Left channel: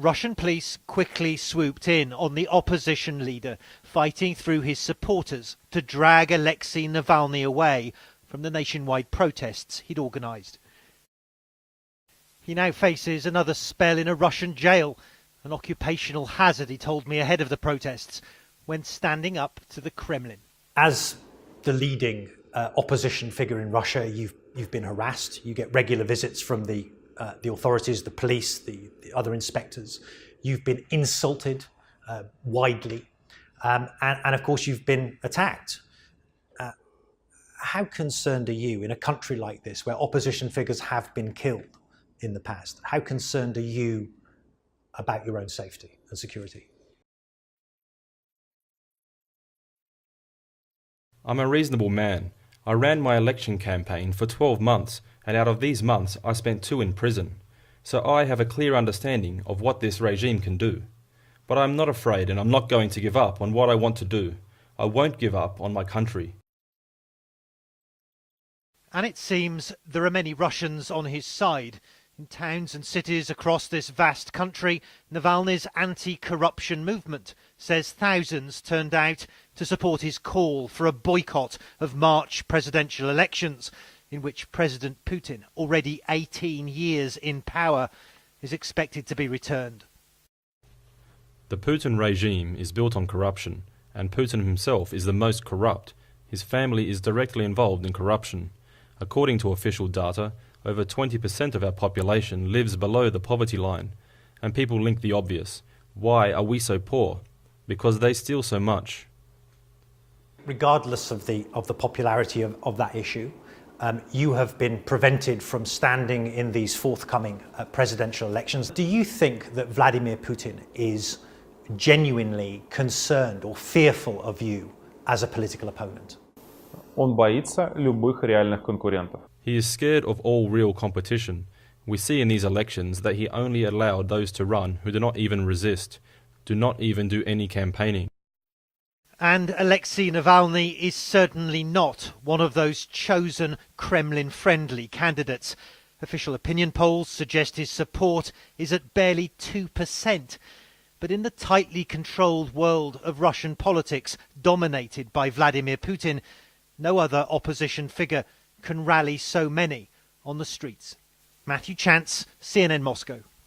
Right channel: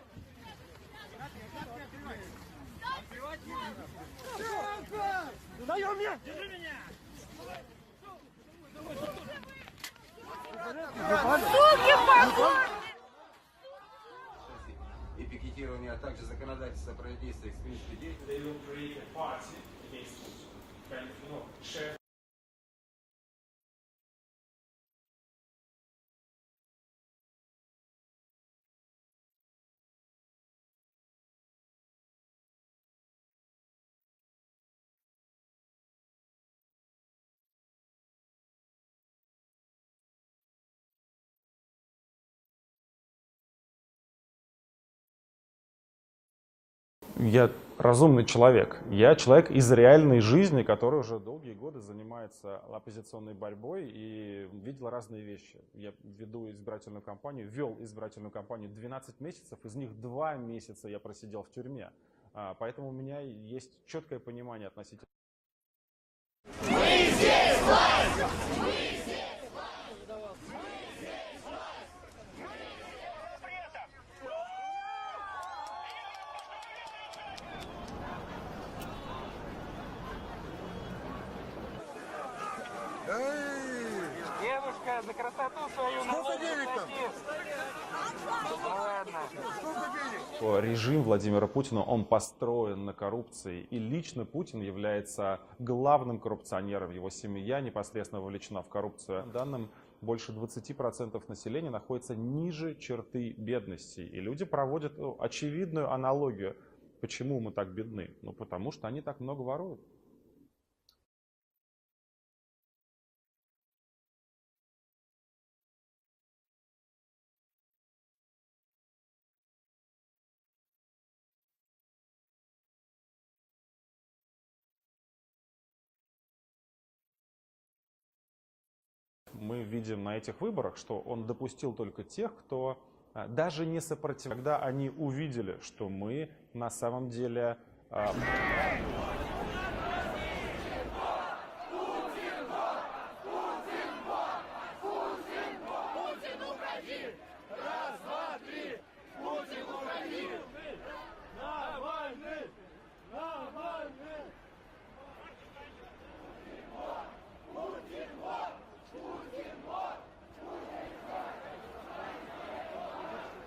Russian police quickly swooped in on the opposition leader, fighting through his supporters to drag Alexei Navalny away from the nationwide protests he'd organised. He now faces another spell in a Russian jail, an occupational hazard, he told me ahead of the protests, when standing up to the Kremlin. As the leading opposition figure in Russia, you've been harassed. You get regular visits from the authorities, the police, the other inspectors. You've been insulted widely, and of course you've been attacked. How concerned are you in a country like this, where opposition figures have been killed in the past? How concerned are you about your own safety and security? I'm a reasonable man. I ran my election campaign for 12 months, and out of these months, I spent 2 in prison. So I have a clear understanding of what this regime can do. But I'm not afraid, and I'm not going to give up on what I want to do. I won't give up on my country. And it seems there are many Russians on his side. In towns and cities across this vast country, Navalny's anti-corruption movement says thousands turned out to support his call for a boycott of March presidential elections, in which President Putin, already 18 years in power, is expected to be returned. The Putin regime is built on corruption, and Putin himself is the most corrupt. His family is directly involved in corruption. According to official data, over 20% of our population lives below the poverty line. And people link the obvious. Why are we so poor? Because they steal so much. Regardless of the popularity of that issue, you have been prevented from standing in these forthcoming presidential elections. Do you think that Vladimir Putin is genuinely concerned or fearful of you as a political opponent? He is scared of all real competition. We see in these elections that he only allowed those to run who do not even resist, do not even do any campaigning. And Alexei Navalny is certainly not one of those chosen Kremlin-friendly candidates. Official opinion polls suggest his support is at barely 2%. But in the tightly controlled world of Russian politics, dominated by Vladimir Putin, no other opposition figure can rally so many on the streets. Matthew Chance, CNN Moscow.